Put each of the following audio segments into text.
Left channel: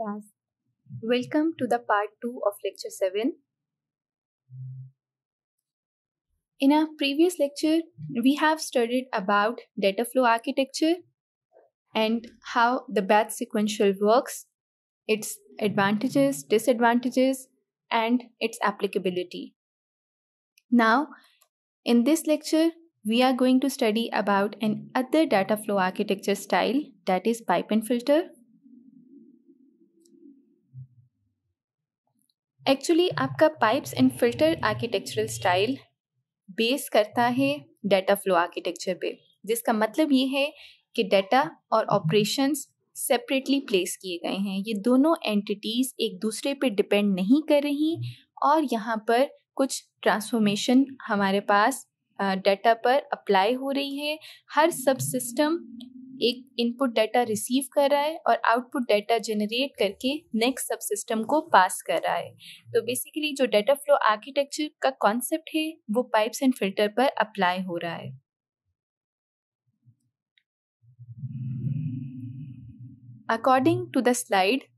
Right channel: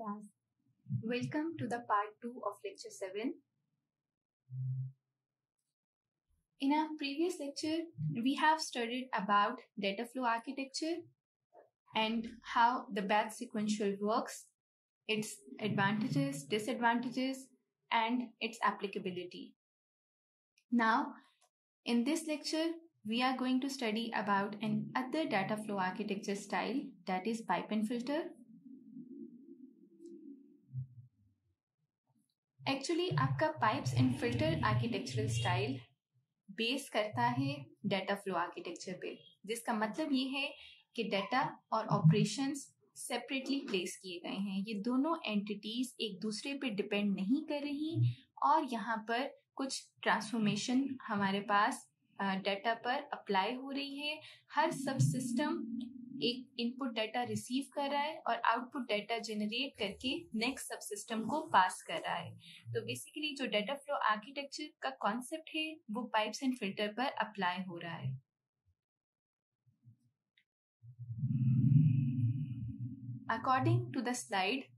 class. Welcome to the part 2 of lecture 7. In our previous lecture, we have studied about data flow architecture and how the batch sequential works, its advantages, disadvantages, and its applicability. Now, in this lecture, we are going to study about another data flow architecture style, that is pipe and filter. Actually आपका pipes and filter architectural style base करता है data flow architecture पे, जिसका मतलब ये है कि data और ऑपरेशंस सेपरेटली प्लेस किए गए हैं। ये दोनों एंटिटीज एक दूसरे पे डिपेंड नहीं कर रही और यहाँ पर कुछ ट्रांसफॉर्मेशन हमारे पास डाटा पर अप्लाई हो रही है। हर सब सिस्टम एक इनपुट डाटा रिसीव कर रहा है और आउटपुट डाटा जनरेट करके नेक्स्ट सब सिस्टम को पास कर रहा है। तो बेसिकली जो डाटा फ्लो आर्किटेक्चर का कॉन्सेप्ट है वो पाइप्स एंड फिल्टर पर अप्लाई हो रहा है। According to the slide,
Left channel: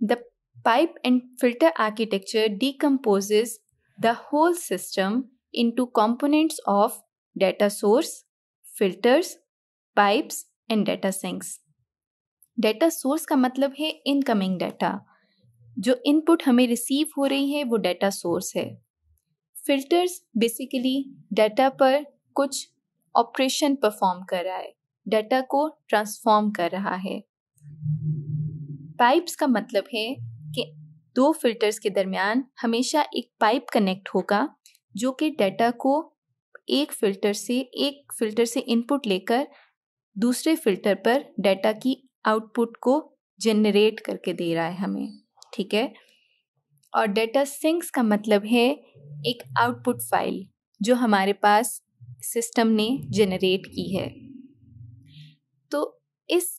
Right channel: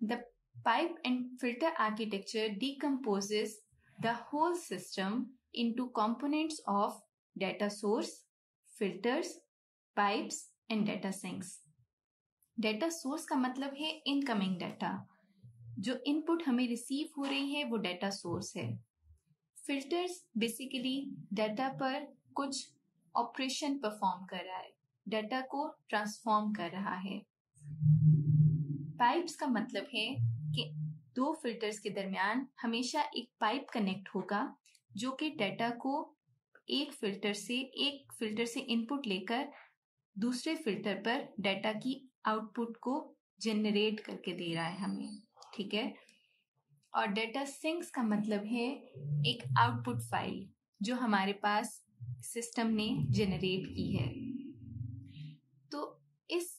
the pipe and filter architecture decomposes the whole system into components of data source, filters, pipes and data sinks. Data source का मतलब है इनकमिंग डाटा, जो input हमें receive हो रही है वो डाटा सोर्स है। फिल्टर्स बेसिकली डाटा पर कुछ ऑपरेशन परफॉर्म कर रहा है, डाटा को ट्रांसफॉर्म कर रहा है। पाइप्स का मतलब है कि दो फिल्टर्स के दरमियान हमेशा एक पाइप कनेक्ट होगा जो कि डाटा को एक फिल्टर से इनपुट लेकर दूसरे फिल्टर पर डाटा की आउटपुट को जनरेट करके दे रहा है हमें, ठीक है। और डाटा सिंक्स का मतलब है एक आउटपुट फाइल जो हमारे पास सिस्टम ने जनरेट की है। तो इस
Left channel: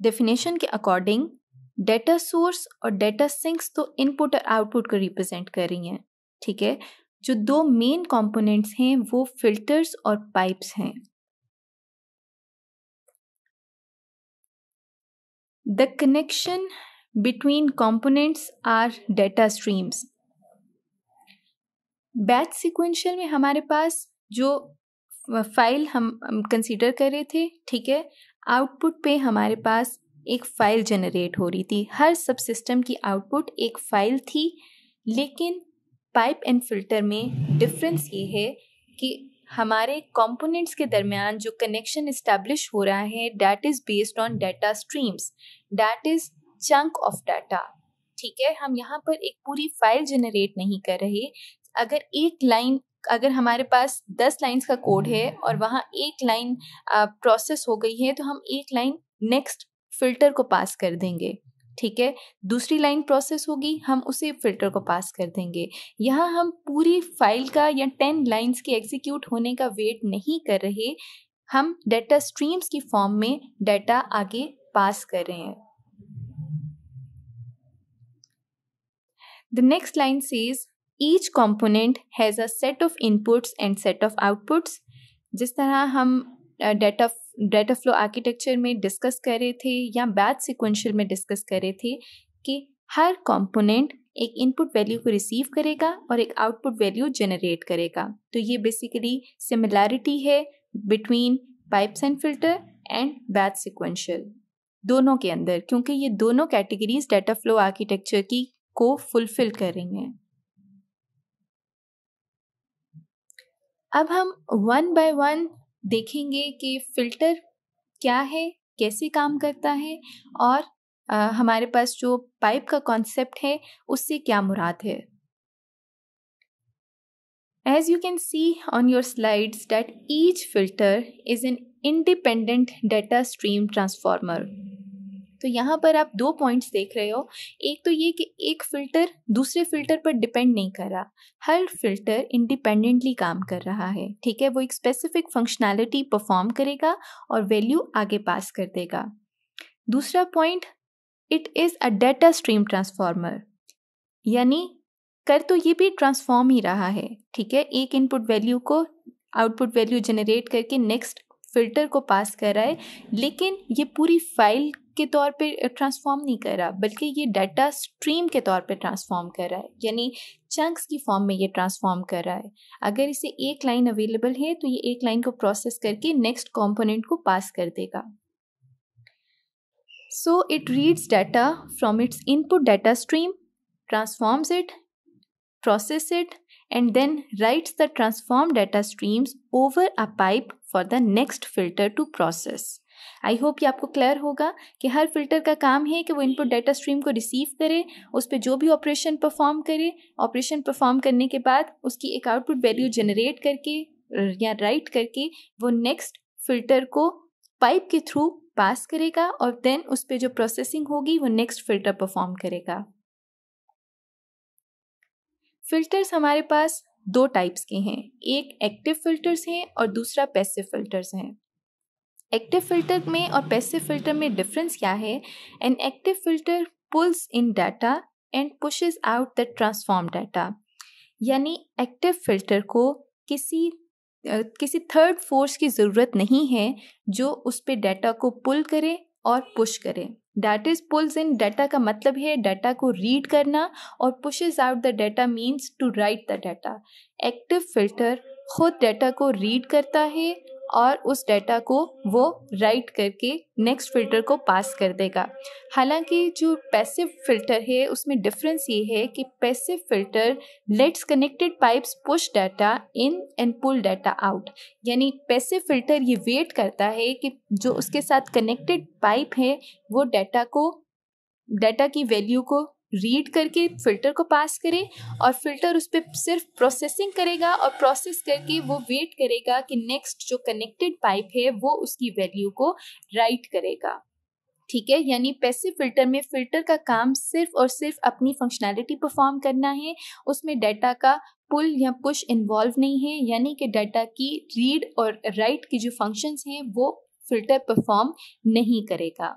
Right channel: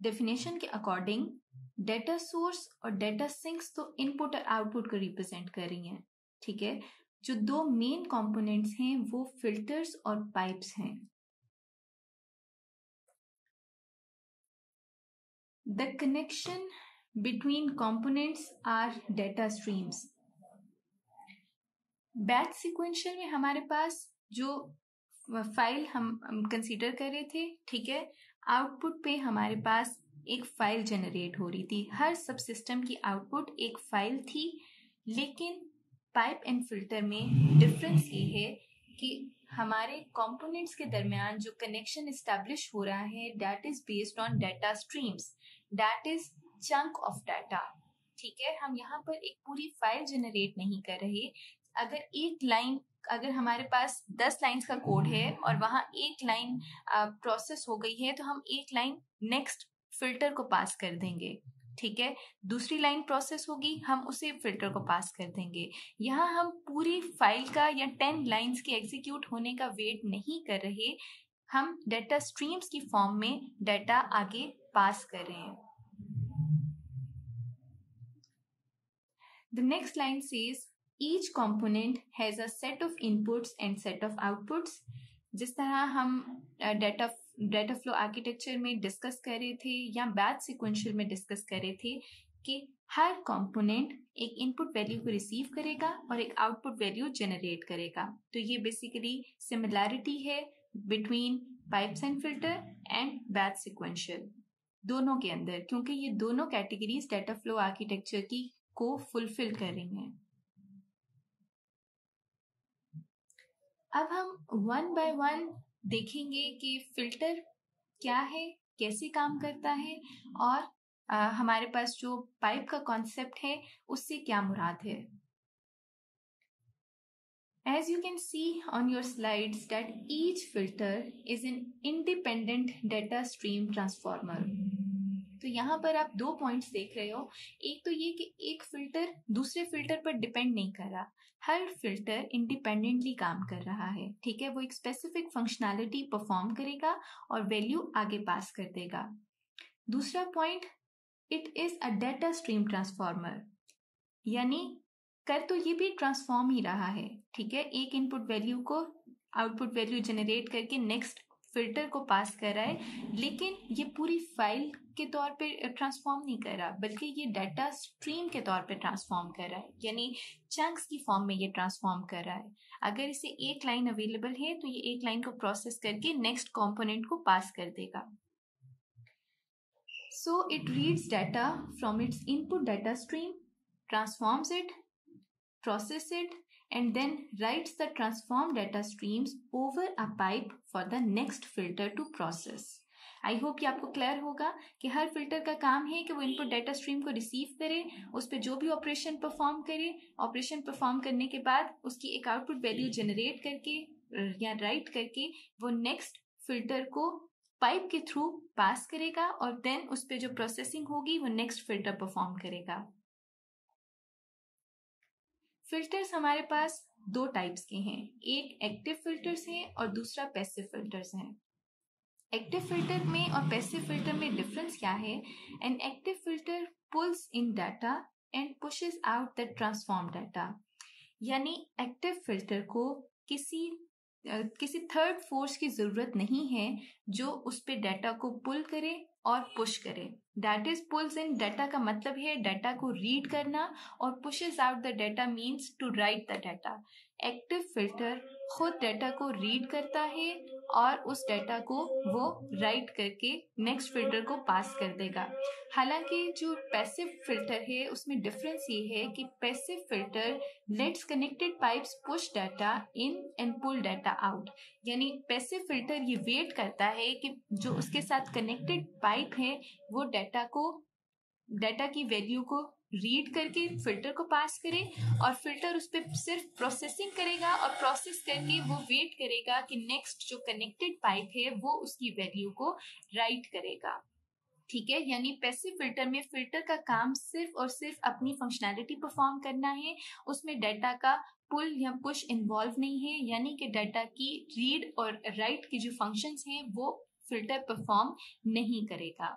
डेफिनेशन के अकॉर्डिंग डाटा सोर्स और डाटा सिंक्स तो इनपुट और आउटपुट को रिप्रेजेंट कर रही हैं, ठीक है। जो दो मेन कंपोनेंट्स हैं वो फिल्टर्स और पाइप्स हैं। The connection between components are data streams. Batch sequential में हमारे पास जो फाइल हम कंसीडर कर रहे थे, ठीक है, आउटपुट पे हमारे पास एक फाइल जनरेट हो रही थी। हर सब सिस्टम की आउटपुट एक फाइल थी, लेकिन पाइप एंड फिल्टर में डिफरेंस ये है कि हमारे कंपोनेंट्स के दरमियान जो कनेक्शन इस्टेब्लिश हो रहा है that is based on data streams, that is chunk of data, ठीक है। हम यहाँ पर एक पूरी फाइल जनरेट नहीं कर रहे। अगर हमारे पास 10 लाइन्स का कोड है और वहाँ एक लाइन प्रोसेस हो गई है तो हम एक लाइन नेक्स्ट फिल्टर को पास कर देंगे, ठीक है। दूसरी लाइन प्रोसेस होगी, हम उसे फिल्टर को पास कर देंगे। यहाँ हम पूरी फाइल का या 10 लाइन्स के एग्जीक्यूट होने का वेट नहीं कर रहे, हम डाटा स्ट्रीम्स की फॉर्म में डाटा आगे पास कर रहे हैं। The next line says each component has a set of inputs and set of outputs. जिस तरह हम डाटा फ्लो आर्किटेक्चर में डिस्कस कर रहे थे या बैच सिक्वेंशियल में डिस्कस कर रहे थे कि हर कंपोनेंट एक इनपुट वैल्यू को रिसीव करेगा और एक आउटपुट वैल्यू जनरेट करेगा। तो ये बेसिकली सिमिलैरिटी है between pipes and filter and batch sequential दोनों के अंदर, क्योंकि ये दोनों कैटेगरीज डाटा फ्लो आर्किटेक्चर की को फुलफिल कर रही हैं। अब हम वन बाय वन देखेंगे कि फिल्टर क्या है, कैसे काम करता है और हमारे पास जो पाइप का कॉन्सेप्ट है उससे क्या मुराद है। As you can see on your slides that each filter is an independent data stream transformer. तो यहाँ पर आप 2 पॉइंट्स देख रहे हो। एक तो ये कि एक फिल्टर दूसरे फिल्टर पर डिपेंड नहीं कर रहा, हर फिल्टर इंडिपेंडेंटली काम कर रहा है, ठीक है। वो एक स्पेसिफिक फंक्शनैलिटी परफॉर्म करेगा और वैल्यू आगे पास कर देगा। दूसरा point, it is a data stream transformer, यानी कर तो ये भी ट्रांसफॉर्म ही रहा है, ठीक है। एक इनपुट वैल्यू को आउटपुट वैल्यू जनरेट करके नेक्स्ट फिल्टर को पास कर रहा है, लेकिन ये पूरी फाइल के तौर पे ट्रांसफॉर्म नहीं कर रहा, बल्कि ये डाटा स्ट्रीम के तौर पे ट्रांसफॉर्म कर रहा है, यानी चंक्स की फॉर्म में ये ट्रांसफॉर्म कर रहा है। अगर इसे एक लाइन अवेलेबल है तो ये एक लाइन को प्रोसेस करके नेक्स्ट कंपोनेंट को पास कर देगा। So it reads data from its input data stream, transforms it, process it, and then writes the transformed data streams over a pipe for the next filter to process. I hope ये आपको clear होगा कि हर filter का काम है कि वो input data stream को रिसीव करे, उस पर जो भी ऑपरेशन परफॉर्म करे, ऑपरेशन परफॉर्म करने के बाद उसकी एक आउटपुट वैल्यू जनरेट करके या राइट करके वो नेक्स्ट फिल्टर को पाइप के थ्रू पास करेगा और देन उस पर जो प्रोसेसिंग होगी वो नेक्स्ट फिल्टर परफॉर्म करेगा। फिल्टर्स हमारे पास दो टाइप्स के हैं, एक एक्टिव फिल्टर्स हैं और दूसरा पैसिव फिल्टर्स हैं। एक्टिव फिल्टर में और पैसिव फिल्टर में डिफरेंस क्या है? An active filter pulls in data and pushes out the transform data, यानी एक्टिव फिल्टर को किसी थर्ड फोर्स की ज़रूरत नहीं है जो उस पे डाटा को पुल करे और पुश करे। That is pulls in data का मतलब है डाटा को रीड करना और pushes out the data means to write the data. Active filter खुद डाटा को रीड करता है और उस डाटा को वो राइट करके नेक्स्ट फिल्टर को पास कर देगा। हालांकि जो पैसिव फिल्टर है उसमें डिफरेंस ये है कि passive filter lets connected pipes push data in and pull data out, यानी पैसिव फिल्टर ये वेट करता है कि जो उसके साथ कनेक्टेड पाइप है वो डाटा की वैल्यू को रीड करके फिल्टर को पास करे और फिल्टर उस पर सिर्फ प्रोसेसिंग करेगा और प्रोसेस करके वो वेट करेगा कि नेक्स्ट जो कनेक्टेड पाइप है वो उसकी वैल्यू को राइट करेगा। ठीक है, यानी पैसिव फिल्टर में फिल्टर का काम सिर्फ और सिर्फ अपनी फंक्शनैलिटी परफॉर्म करना है, उसमें डाटा का पुल या पुश इन्वॉल्व नहीं है, यानी कि डाटा की रीड और राइट की जो फंक्शंस हैं वो फिल्टर परफॉर्म नहीं करेगा।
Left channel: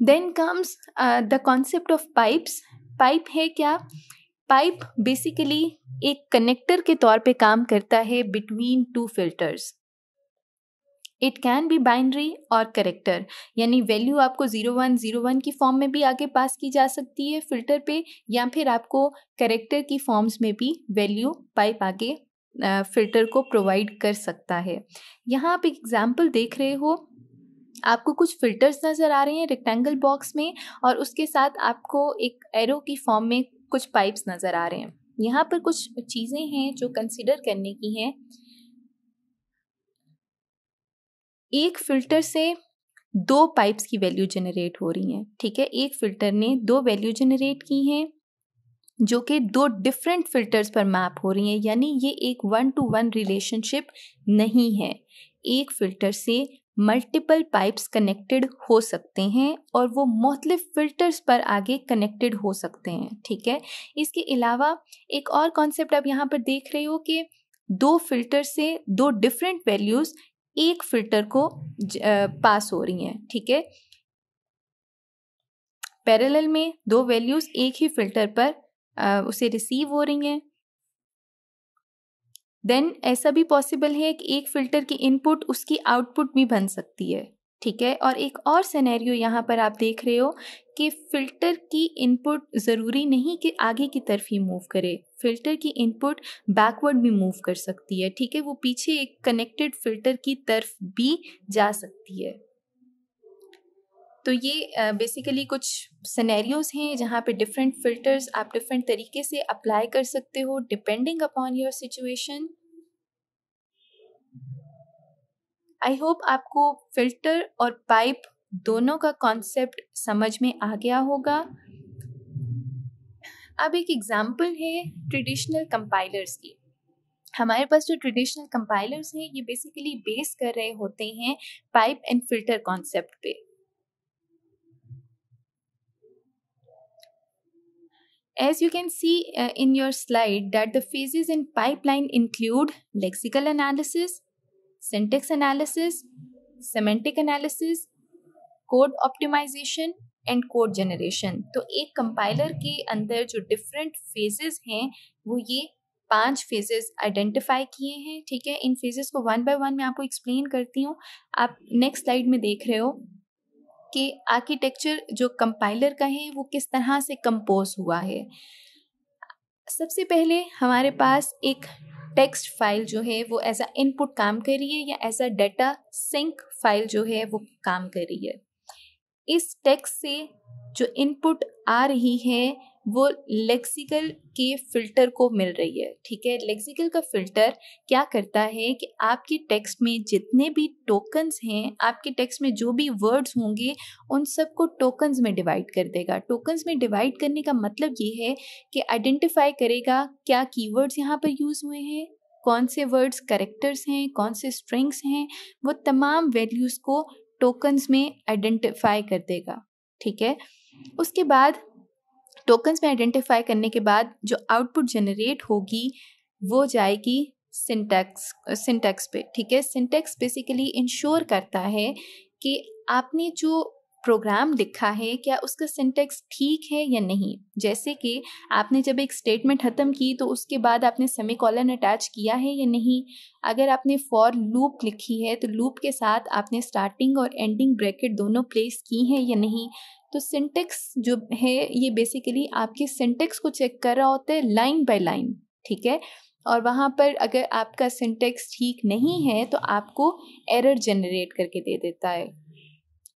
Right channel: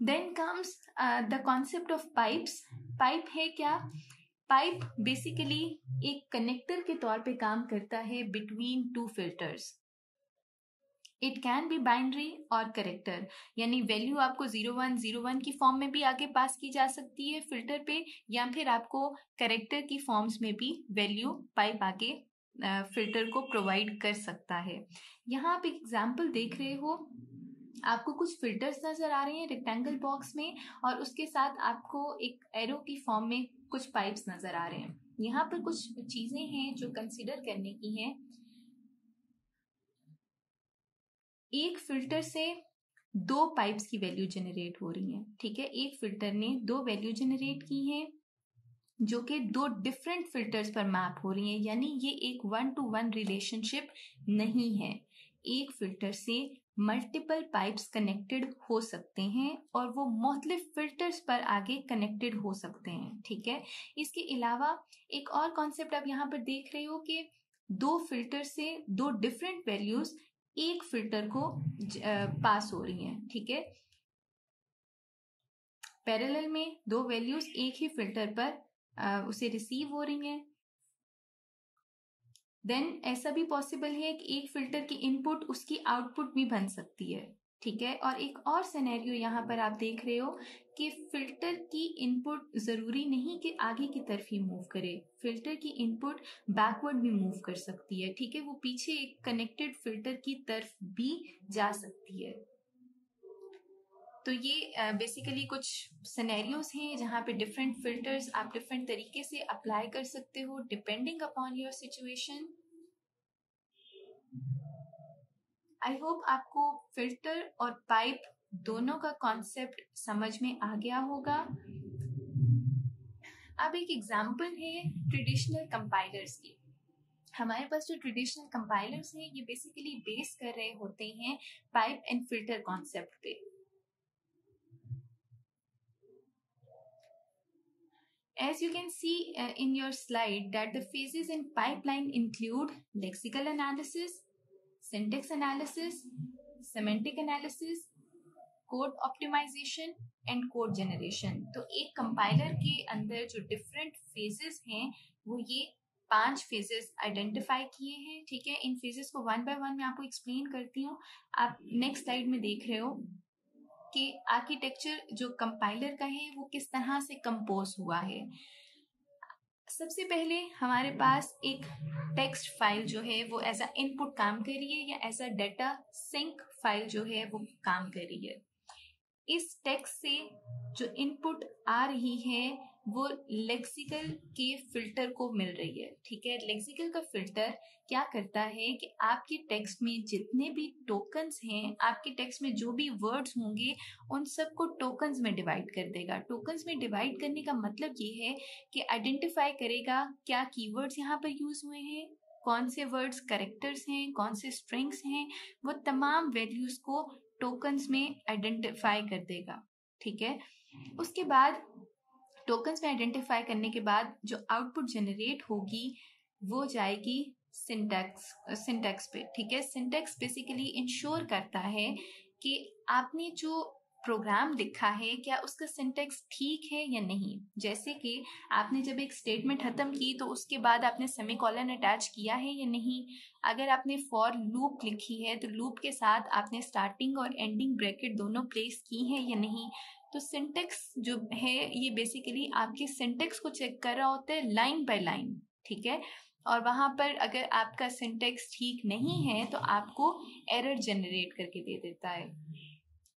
Then comes the concept of pipes. Pipe है क्या? पाइप बेसिकली एक कनेक्टर के तौर पे काम करता है between two filters. It can be binary और करेक्टर, यानी वैल्यू आपको 0101 की फॉर्म में भी आगे पास की जा सकती है फिल्टर पे, या फिर आपको करेक्टर की फॉर्म्स में भी वैल्यू पाइप आगे फिल्टर को प्रोवाइड कर सकता है। यहाँ आप एक एग्जाम्पल देख रहे हो, आपको कुछ फिल्टर्स नज़र आ रहे हैं रेक्टेंगल बॉक्स में और उसके साथ आपको एक एरो की फॉर्म में कुछ पाइप्स नज़र आ रहे हैं। यहाँ पर कुछ चीज़ें हैं जो कंसिडर करने की हैं। एक फिल्टर से दो पाइप्स की वैल्यू जनरेट हो रही हैं। ठीक है, एक फिल्टर ने दो वैल्यू जनरेट की हैं जो कि दो डिफरेंट फिल्टर्स पर मैप हो रही हैं, यानी ये एक 1-to-1 रिलेशनशिप नहीं है। एक फिल्टर से मल्टीपल पाइप्स कनेक्टेड हो सकते हैं और वो मुख्तलिफ फिल्टर्स पर आगे कनेक्टेड हो सकते हैं। ठीक है, इसके अलावा एक और कॉन्सेप्ट आप यहाँ पर देख रहे हो कि दो फिल्टर से दो डिफरेंट वैल्यूज़ एक फिल्टर को पास हो रही हैं। ठीक है, पैरेलल में दो वैल्यूज़ एक ही फिल्टर पर उसे रिसीव हो रही हैं। देन ऐसा भी पॉसिबल है कि एक फिल्टर की इनपुट उसकी आउटपुट भी बन सकती है। ठीक है, और एक और सिनेरियो यहाँ पर आप देख रहे हो कि फिल्टर की इनपुट ज़रूरी नहीं कि आगे की तरफ ही मूव करे, फिल्टर की इनपुट बैकवर्ड भी मूव कर सकती है। ठीक है, वो पीछे एक कनेक्टेड फिल्टर की तरफ भी जा सकती है। तो ये बेसिकली कुछ सिनेरियोज हैं जहाँ पे डिफरेंट फिल्टर्स आप डिफरेंट तरीके से अप्लाई कर सकते हो depending upon your situation. I hope आपको फिल्टर और पाइप दोनों का कॉन्सेप्ट समझ में आ गया होगा। अब एक एग्जांपल है ट्रेडिशनल कंपाइलर्स की। हमारे पास जो ट्रेडिशनल कंपाइलर्स हैं ये बेसिकली बेस कर रहे होते हैं पाइप एंड फिल्टर कॉन्सेप्ट पे। As you can see in your slide that the phases in pipeline include lexical analysis, syntax analysis, semantic analysis, code optimization and code generation। तो एक compiler के अंदर जो डिफरेंट फेजेस हैं वो ये 5 phases identify किए हैं, ठीक है। इन फेजेस को वन बाय वन मैं आपको एक्सप्लेन करती हूँ। आप नेक्स्ट स्लाइड में देख रहे हो कि आर्किटेक्चर जो कंपाइलर का है वो किस तरह से कंपोज हुआ है। सबसे पहले हमारे पास एक टेक्स्ट फाइल जो है वो एज अ इनपुट काम कर रही है या as a data sink file जो है वो काम कर रही है। इस टेक्स्ट से जो इनपुट आ रही है वो लेक्सिकल के फिल्टर को मिल रही है, ठीक है। लेक्सिकल का फिल्टर क्या करता है कि आपके टेक्स्ट में जितने भी टोकन्स हैं, आपके टेक्स्ट में जो भी वर्ड्स होंगे उन सबको टोकन्स में डिवाइड कर देगा। टोकन्स में डिवाइड करने का मतलब ये है कि आइडेंटिफाई करेगा क्या कीवर्ड्स यहाँ पर यूज़ हुए हैं, कौन से वर्ड्स कैरेक्टर्स हैं, कौन से स्ट्रिंग्स हैं, वो तमाम वैल्यूज़ को टोकन्स में आइडेंटिफाई कर देगा, ठीक है। उसके बाद टोकन्स में आइडेंटिफाई करने के बाद जो आउटपुट जनरेट होगी वो जाएगी सिंटैक्स पे, ठीक है। सिंटैक्स बेसिकली इंश्योर करता है कि आपने जो प्रोग्राम लिखा है क्या उसका सिंटैक्स ठीक है या नहीं। जैसे कि आपने जब एक स्टेटमेंट ख़त्म की तो उसके बाद आपने सेमीकोलन अटैच किया है या नहीं। अगर आपने फॉर लूप लिखी है तो लूप के साथ आपने स्टार्टिंग और एंडिंग ब्रैकेट दोनों प्लेस की हैं या नहीं। तो सिंटैक्स जो है ये बेसिकली आपके सिंटैक्स को चेक कर रहा होता है लाइन बाय लाइन, ठीक है। और वहाँ पर अगर आपका सिंटैक्स ठीक नहीं है तो आपको एरर जनरेट करके दे देता है।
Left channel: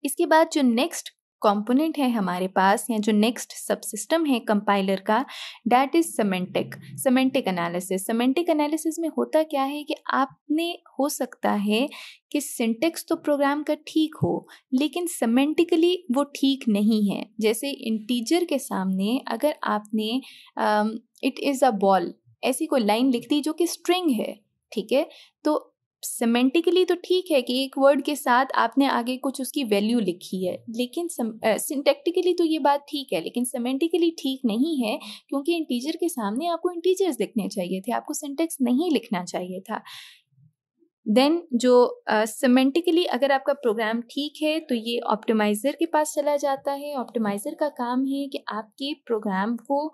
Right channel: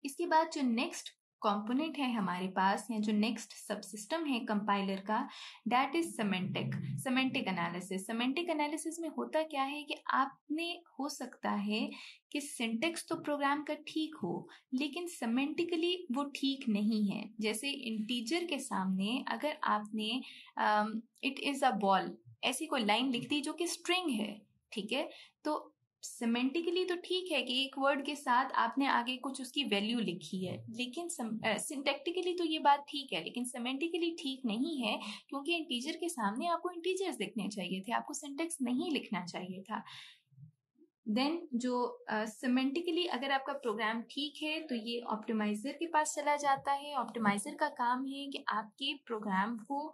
इसके बाद जो नेक्स्ट कंपोनेंट है हमारे पास या जो नेक्स्ट सबसिस्टम है कंपाइलर का, that is semantic analysis. Semantic analysis में होता क्या है कि आपने हो सकता है कि सिंटेक्स तो प्रोग्राम का ठीक हो लेकिन सेमेंटिकली वो ठीक नहीं है। जैसे इंटीजर के सामने अगर आपने इट इज़ अ बॉल ऐसी कोई लाइन लिख दी जो कि स्ट्रिंग है, ठीक है, तो सिमेंटिकली तो ठीक है कि एक वर्ड के साथ आपने आगे कुछ उसकी वैल्यू लिखी है, लेकिन सिंटैक्टिकली तो ये बात ठीक है लेकिन सिमेंटिकली ठीक नहीं है, क्योंकि इंटीजर के सामने आपको इंटीजर्स लिखने चाहिए थे, आपको सिंटैक्स नहीं लिखना चाहिए था। देन जो सिमेंटिकली अगर आपका प्रोग्राम ठीक है तो ये ऑप्टिमाइज़र के पास चला जाता है। ऑप्टिमाइज़र का काम है कि आपके प्रोग्राम को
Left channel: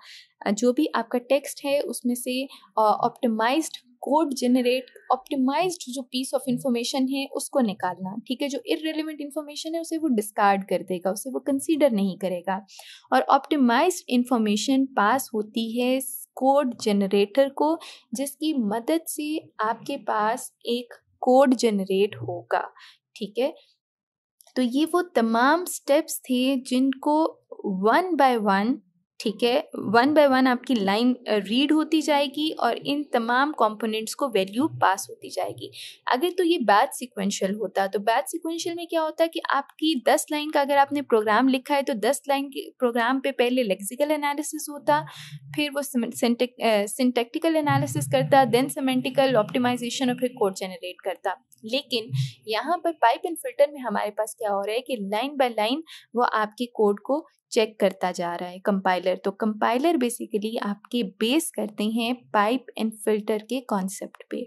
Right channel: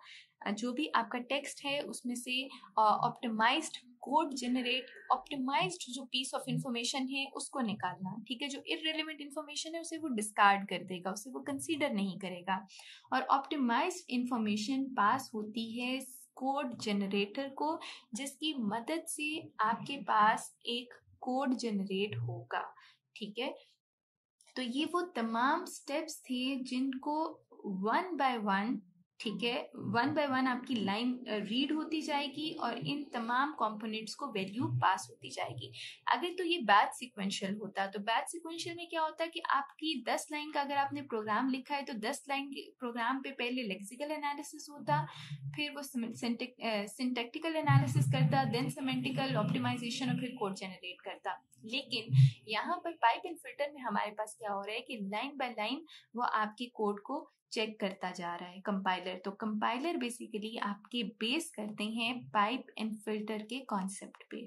जो भी आपका टेक्स्ट है उसमें से ऑप्टिमाइज्ड कोड जनरेट, ऑप्टिमाइज्ड जो पीस ऑफ इंफॉर्मेशन है उसको निकालना, ठीक है। जो इररिलेवेंट इंफॉर्मेशन है उसे वो डिस्कार्ड कर देगा, उसे वो कंसीडर नहीं करेगा। और ऑप्टिमाइज्ड इंफॉर्मेशन पास होती है कोड जनरेटर को, जिसकी मदद से आपके पास एक कोड जनरेट होगा, ठीक है। तो ये वो तमाम स्टेप्स थे जिनको वन बाय वन, ठीक है, वन बाय वन आपकी लाइन रीड होती जाएगी और इन तमाम कंपोनेंट्स को वैल्यू पास होती जाएगी। अगर तो ये बैच सिक्वेंशियल होता तो बैच सिक्वेंशियल में क्या होता है कि आपकी 10 लाइन का अगर आपने प्रोग्राम लिखा है तो 10 लाइन के प्रोग्राम पे पहले लेक्सिकल एनालिसिस होता, फिर वो सिंटैक्टिकल एनालिसिस करता, देन सिमेंटिकल ऑप्टिमाइजेशन और फिर कोड जनरेट करता। लेकिन यहाँ पर पाइप एंड फिल्टर में हमारे पास क्या हो रहा है कि लाइन बाय लाइन वो आपके कोड को चेक करता जा रहा है कंपाइलर। तो कंपाइलर बेसिकली आपके बेस करते हैं पाइप एंड फिल्टर के कॉन्सेप्ट पे।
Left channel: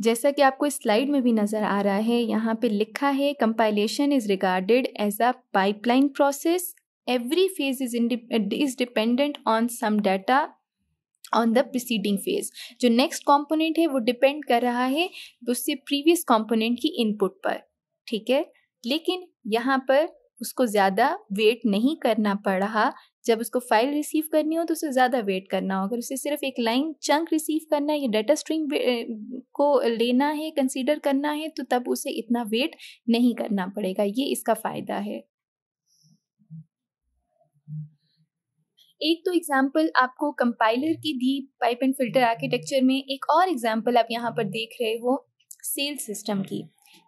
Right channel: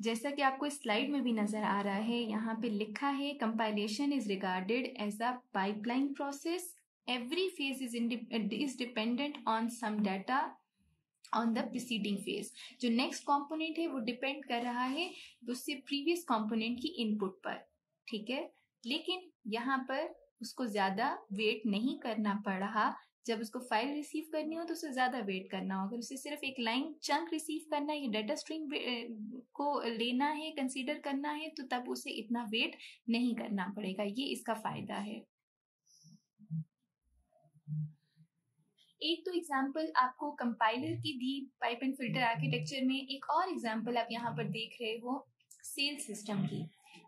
जैसा कि आपको इस स्लाइड में भी नज़र आ रहा है, यहाँ पे लिखा है compilation is regarded as a pipeline process, every phase is dependent on some data on the preceding phase. जो नेक्स्ट कंपोनेंट है वो डिपेंड कर रहा है उससे प्रीवियस कंपोनेंट की इनपुट पर, ठीक है। लेकिन यहाँ पर उसको ज़्यादा वेट नहीं करना पड़ रहा। जब उसको फाइल रिसीव करनी हो तो उसे ज़्यादा वेट करना हो। अगर उसे सिर्फ एक लाइन चंक रिसीव करना है या डाटा स्ट्रिंग को लेना है, कंसीडर करना है, तो तब उसे इतना वेट नहीं करना पड़ेगा। ये इसका फ़ायदा है। एक तो एग्जाम्पल आपको कंपाइलर की दी पाइप एंड फिल्टर आर्किटेक्चर में, एक और एग्जाम्पल आप यहाँ पर देख रहे हो सेल सिस्टम की।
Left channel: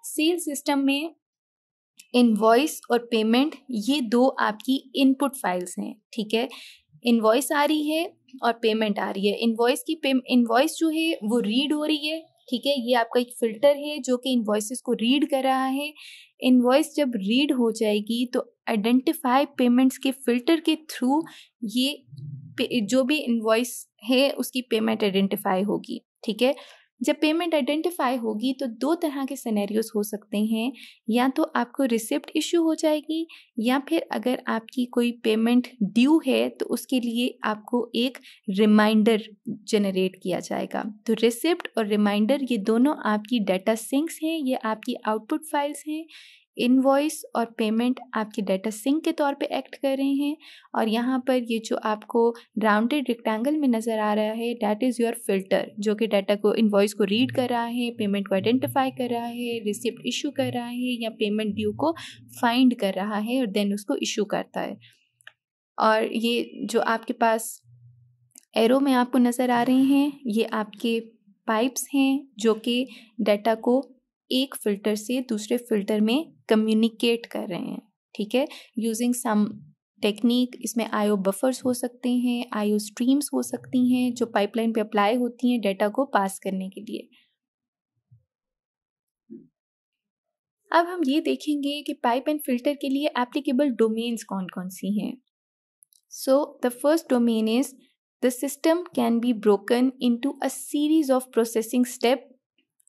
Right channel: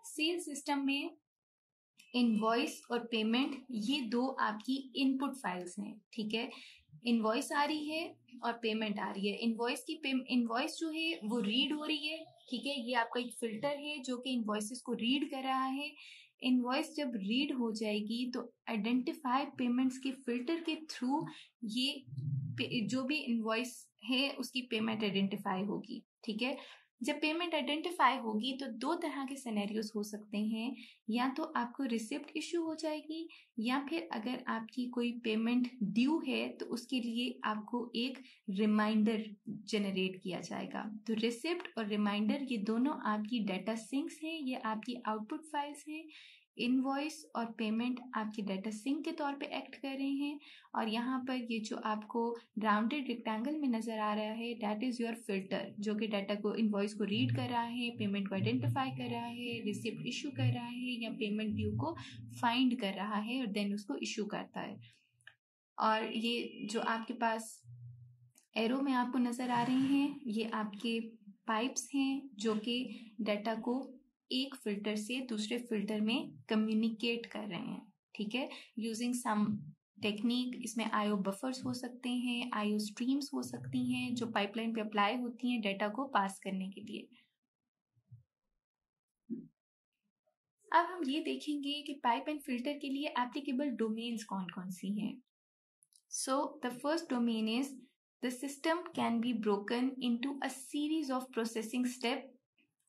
सेल सिस्टम में इनवॉइस और पेमेंट ये दो आपकी इनपुट फाइल्स हैं, ठीक है। इनवॉइस आ रही है और पेमेंट आ रही है। इनवॉइस जो है वो रीड हो रही है, ठीक है। ये आपका एक फिल्टर है जो कि इनवॉइसेस को रीड कर रहा है। इनवॉइस जब रीड हो जाएगी तो आइडेंटिफाई पेमेंट्स के फिल्टर के थ्रू ये जो भी इनवॉइस है उसकी पेमेंट आइडेंटिफाई होगी, ठीक है। जब पेमेंट आइडेंटिफाई होगी तो दो तरह के सिनेरियोज हो सकते हैं, या तो आपको रिसिप्ट इशू हो जाएगी, या फिर अगर आपकी कोई पेमेंट ड्यू है तो उसके लिए आपको एक रिमाइंडर जनरेट किया जाएगा। तो रिसिप्ट और रिमाइंडर ये दोनों आपकी डाटा सिंक्स हैं, ये आपकी आउटपुट फाइल्स हैं। इनवॉइस और पेमेंट आपके डाटा सिंक के तौर पे एक्ट कर रहे हैं, और यहाँ पर ये जो आपको राउंडेड रेक्टेंगल में नज़र आ रहा है दैट इज़ योर फिल्टर, जो कि डाटा को इनवॉइस को रीड कर रहा है, पेमेंट को आइडेंटिफाई कर रहा है, रिसिप्ट इशू कर रहा है, या पेमेंट ड्यू को फाइंड कर रहा है और देन उसको इशू करता है। और ये जो आपके पास एरो में आपको नज़र आ रहे हैं, ये आपके पाइप्स हैं जो कि डाटा को एक फ़िल्टर से दूसरे फ़िल्टर में कम्युनिकेट कर रहे हैं, ठीक है, यूजिंग सम टेक्निक। इसमें आईओ बफर्स हो सकते हैं, आईओ स्ट्रीम्स हो सकती हैं जो पाइपलाइन पे अप्लाई होती हैं डाटा को पास करने के लिए। अब हम ये देखेंगे कि पाइप एंड फिल्टर के लिए एप्लीकेबल डोमेन्स कौन कौन सी हैं। So the first domain is the system can be broken into a series of processing steps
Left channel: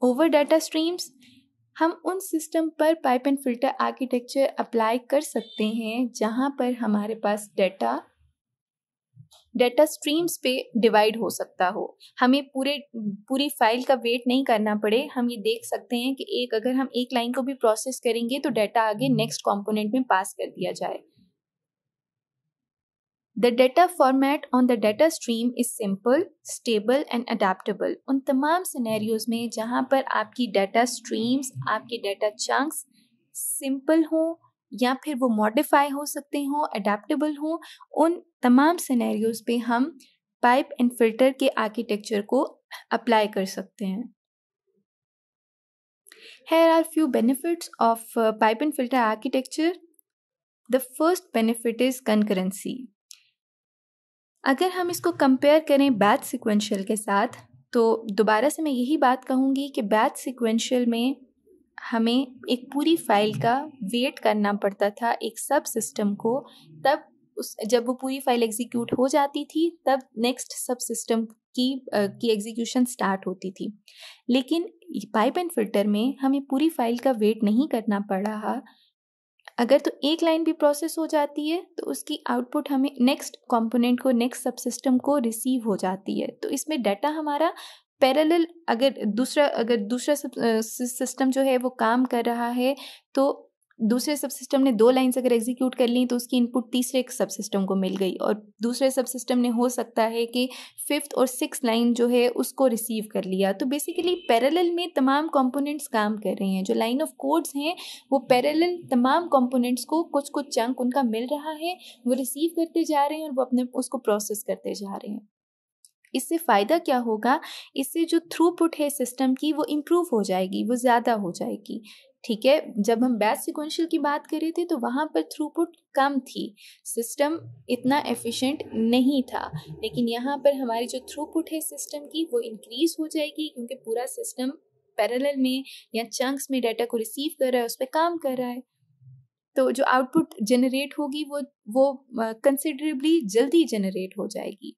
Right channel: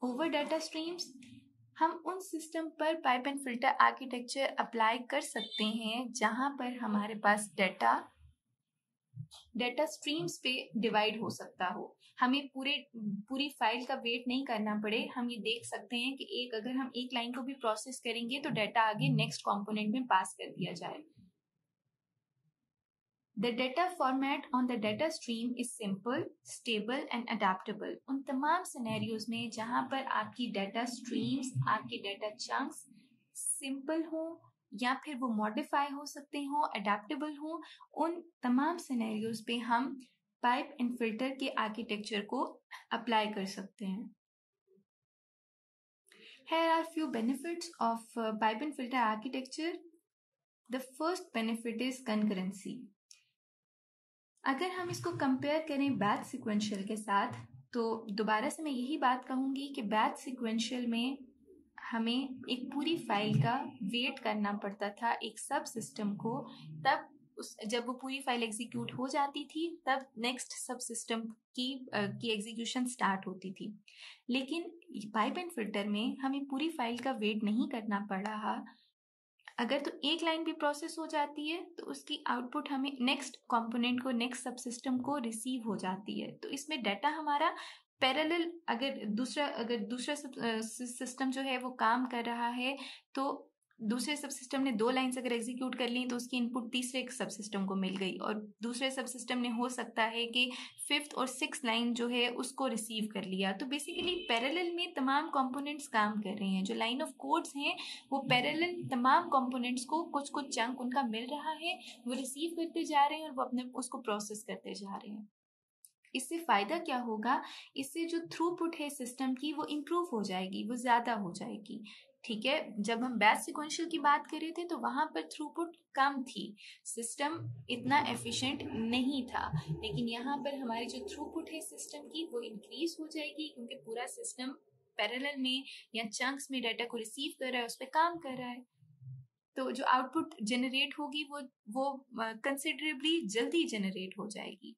over data streams. हम उन सिस्टम पर pipe and filter architecture apply कर सकते हैं जहाँ पर हमारे पास डाटा स्ट्रीम्स पे डिवाइड हो सकता हो। हमें पूरी फाइल का वेट नहीं करना पड़े। हम ये देख सकते हैं कि अगर हम एक लाइन को भी प्रोसेस करेंगे तो डाटा आगे नेक्स्ट कंपोनेंट में पास कर दिया जाए। The data format on the data stream is simple, stable and adaptable. उन तमाम सिनेरियोज में जहाँ पर आपकी डाटा स्ट्रीम्स, आपके डाटा चंक्स सिंपल हो या फिर वो मॉडिफाई हो सकते हो, अडेप्टेबल हो, उन तमाम सिनेरियोज पे हम पाइप एंड फिल्टर के आर्किटेक्चर को अप्लाई कर सकते हैं। Here are few benefits of pipe and filter architecture. The first benefit is concurrency. अगर हम इसको कंपेयर करें बैच सिक्वेंशियल के साथ, तो दोबारा से मैं यही बात कहूँगी कि बैच सिक्वेंशियल में हमें एक पूरी फाइल का वेट करना पड़ता था एक सब सिस्टम को, तब जब वो पूरी फाइल एग्जीक्यूट हो जाती थी तब नेक्स्ट सब सिस्टम की एग्जीक्यूशन स्टार्ट होती थी। लेकिन पाइप एंड फिल्टर में हमें पूरी फाइल का वेट नहीं करना पड़ रहा। अगर तो एक लाइन भी प्रोसेस हो जाती है तो उसकी आउटपुट हमें नेक्स्ट कंपोनेंट को, नेक्स्ट सब सिस्टम को रिसीव हो जाती है। तो इसमें डाटा हमारा पैरेलल, अगर दूसरा सिस्टम जो है वो काम कर रहा है तो दूसरे सब सिस्टम ने 2 लाइन्स अगर एग्जीक्यूट कर ली तो उसकी इनपुट तीसरे सब सिस्टम को मिल गई, और दूसरे सब सिस्टम ने हो सकता है कि 5th और 6th लाइन जो है उसको रिसीव कर लिया। तो बेसिकली पैरेलल में तमाम कंपोनेंट्स काम कर रहे हैं। जो लाइन ऑफ कोड्स हैं वो पैरेलल तमाम कंपोनेंट्स को कुछ कुछ चंक उनका मिल रहा है, वो रिसीव करते जा रहे हैं और वो अपने उसको प्रोसेस करते जा रहे हैं। इससे फ़ायदा क्या होगा, इससे जो थ्रूपुट है सिस्टम की वो इम्प्रूव हो जाएगी, वो ज़्यादा हो जाएगी, ठीक है। जब हम बैच सिक्वेंशियल की बात कर रहे थे तो वहाँ पर थ्रूपुट कम थी, सिस्टम इतना एफिशिएंट नहीं था, लेकिन यहाँ पर हमारी जो थ्रूपुट है सिस्टम की वो इंक्रीज हो जाएगी क्योंकि पूरा सिस्टम पैरेलल में या चंक्स में डाटा को रिसीव कर रहा है, उस पर काम कर रहा है। तो जो आउटपुट जनरेट होगी वो कंसिडरेबली जल्दी जनरेट हो जाएगी।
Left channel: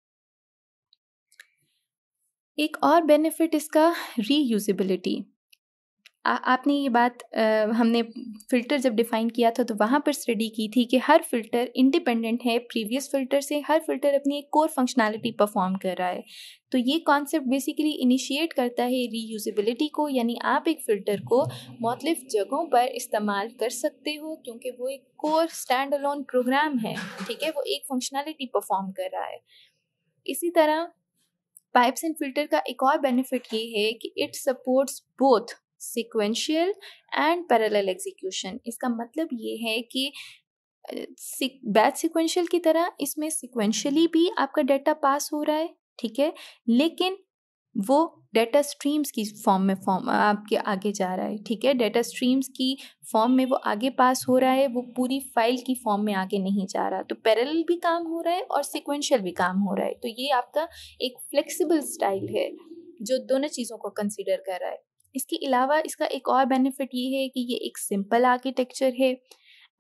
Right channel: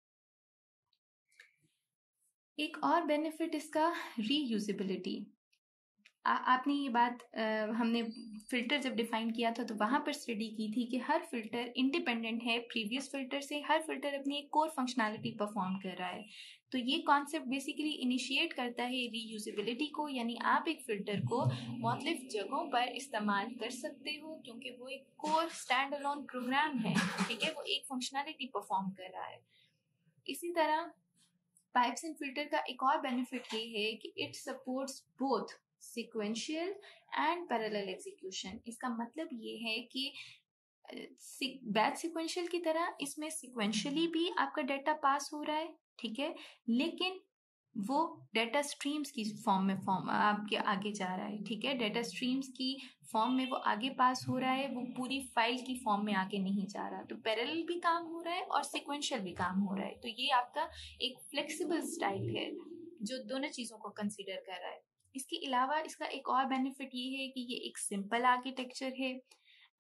एक और बेनिफिट इसका रीयूजेबिलिटी। आपने ये बात हमने फ़िल्टर जब डिफ़ाइन किया था तो वहाँ पर स्टडी की थी कि हर फ़िल्टर इंडिपेंडेंट है प्रीवियस फ़िल्टर से, हर फ़िल्टर अपनी एक कोर फंक्शनैलिटी परफॉर्म कर रहा है। तो ये कॉन्सेप्ट बेसिकली इनिशिएट करता है रीयूजेबिलिटी को, यानी आप एक फ़िल्टर को मुख्तलिफ जगहों पर इस्तेमाल कर सकते हो क्योंकि वो एक कोर स्टैंड अलोन प्रोग्राम है, ठीक है, वो एक फंक्शनैलिटी परफॉर्म कर रहा है। इसी तरह पाइप्स एंड फिल्टर का एक और बेनिफिट ये है कि it supports both sequential and parallel execution. इसका मतलब ये है कि बैच सिक्वेंशियल की तरह इसमें सिक्वेंशियली भी आपका डाटा पास हो रहा है, ठीक है, लेकिन वो डाटा स्ट्रीम्स की फॉर्म आपके आगे जा रहा है, ठीक है, डाटा स्ट्रीम्स की फॉर्म में वो आगे पास हो रहा है, वो पूरी फाइल की फॉर्म में आगे नहीं जा रहा। तो पैरेलल भी काम हो रहा है और सिक्वेंशियल भी काम हो रहा है। तो ये आपका एक फ्लेक्सिबल स्टाइल है जो दोनों चीज़ों को कंसीडर कर रहा है। इसके अलावा इसका एक और बेनिफिट ये है कि ये एक सिंपल आर्किटेक्चर है।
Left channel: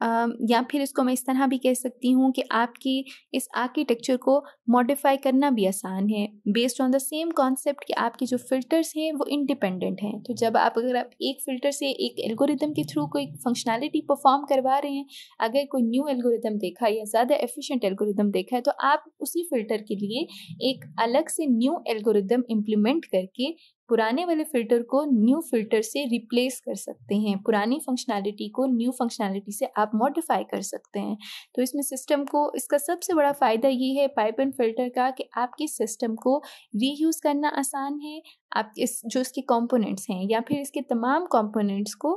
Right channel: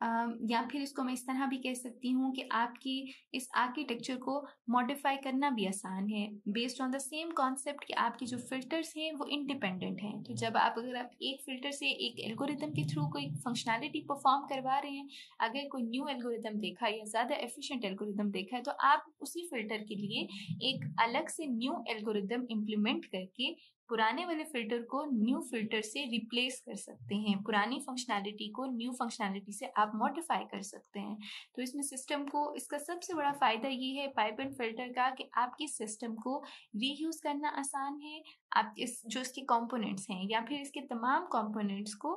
या फिर इसको मैं इस तरह भी कह सकती हूँ कि आपकी इस आर्किटेक्चर को मॉडिफाई करना भी आसान है based on the same concept कि आपके जो फ़िल्टर्स हैं वो इंडिपेंडेंट हैं। तो जब आप अगर आप एक फ़िल्टर से एक एल्गोरिदम के थ्रू कोई फंक्शनैलिटी परफॉर्म करवा रहे हैं, अगर कोई न्यू एल्गोरिदम देखा या ज़्यादा एफिशिएंट एल्गोरिदम देखा है, तो आप उसी फ़िल्टर के लिए एक अलग से न्यू एल्गोरिदम इम्प्लीमेंट करके पुराने वाले फ़िल्टर को न्यू फ़िल्टर से रिप्लेस कर सकते हैं। पुरानी फंक्शनैलिटी को न्यू फंक्शनैलिटी से आप मॉडिफ़ाई कर सकते हैं। तो इसमें सिस्टम को इसका सबसे बड़ा फ़ायदा ये है पाइप एंड फ़िल्टर का कि आपके सिस्टम को रीयूज़ करना आसान है। आप इस जो इसके कंपोनेंट्स हैं या फिर इसके तमाम कंपोनेंट्स को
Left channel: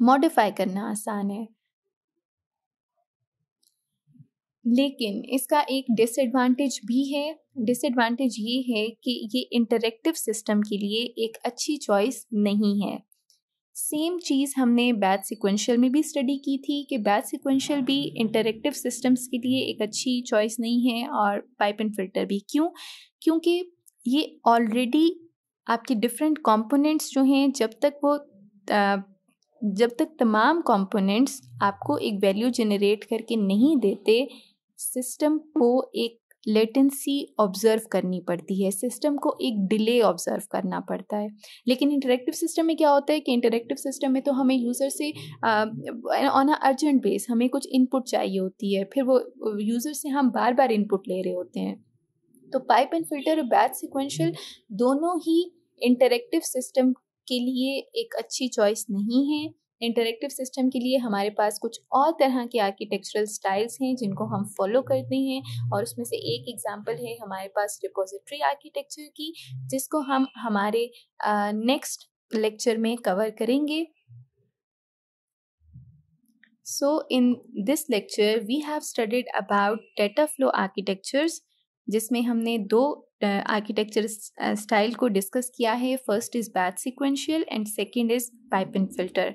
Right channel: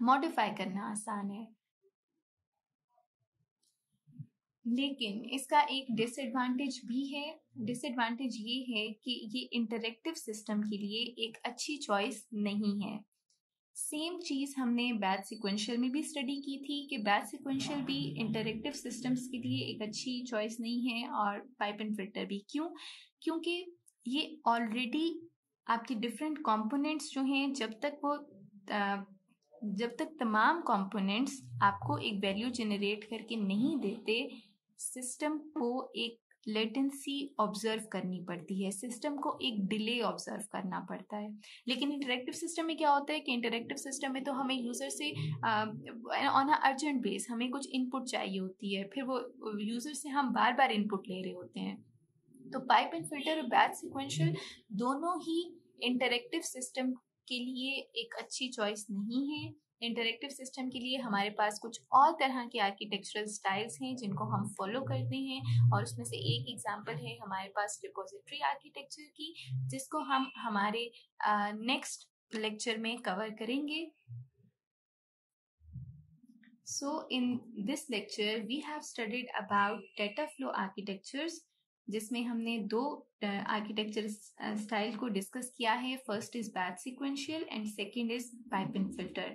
मॉडिफ़ाई करना आसान है। लेकिन इसका एक डिसएडवांटेज भी है। डिसएडवांटेज ये है कि ये इंटरैक्टिव सिस्टम के लिए एक अच्छी चॉइस नहीं है। सेम चीज़ हमने बैच सीक्वेंशियल में भी स्टडी की थी कि बैच सीक्वेंशियल भी इंटरैक्टिव सिस्टम्स के लिए एक अच्छी चॉइस नहीं है और पाइप एंड फिल्टर भी। क्यों? क्योंकि ये ऑलरेडी आपके डिफरेंट कंपोनेंट्स जो हैं जब तक तमाम कंपोनेंट्स आपको एक वैल्यू जनरेट करके नहीं देते, सिस्टम को एक लेटेंसी ऑब्जर्व करनी पड़ती है, सिस्टम को एक डिले ऑब्जर्व करना पड़ता है। लेकिन इंटरैक्टिव सिस्टम में क्या होता है कि इंटरैक्टिव सिस्टम में तो हमें यूज़र से ऑन अ अर्जेंट बेस हमें कुछ इनपुट चाहिए होती है, फिर वो यूज़र से हम बार बार इनपुट ले रहे होते हैं। तो पाइप एंड फिल्टर और बैच सीक्वेंशियल दोनों ही इंटरैक्टिव सिस्टम के लिए एक अच्छी चॉइस नहीं है। इंटरैक्टिव सिस्टम के लिए हमारे पास कुछ और तरह के आर्किटेक्चरल स्टाइल्स हैं जिनको हम फॉलो करते हैं, और उसमें से एक एग्जांपल है हमारे पास रिपोजिटरी आर्किटेक्चर की, जिसको हम हमारे नेक्स्ट लेक्चर में कवर करेंगे। So in this lecture we have studied about data flow architectures, जिसमें हमने दो आर्किटेक्चर स्टाइल को डिस्कस किया है। First is batch sequential and second is pipe and filter.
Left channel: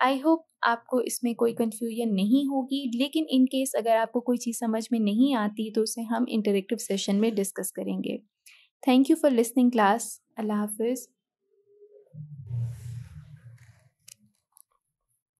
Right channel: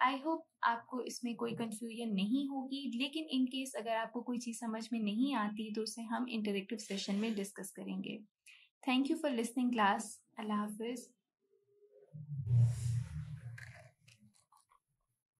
I hope आपको इसमें कोई कन्फ्यूजन नहीं होगी, लेकिन इन केस अगर आपको कोई चीज़ समझ में नहीं आती तो उसे हम इंटरेक्टिव सेशन में डिस्कस करेंगे। Thank you for listening class. अल्लाह हाफिज़।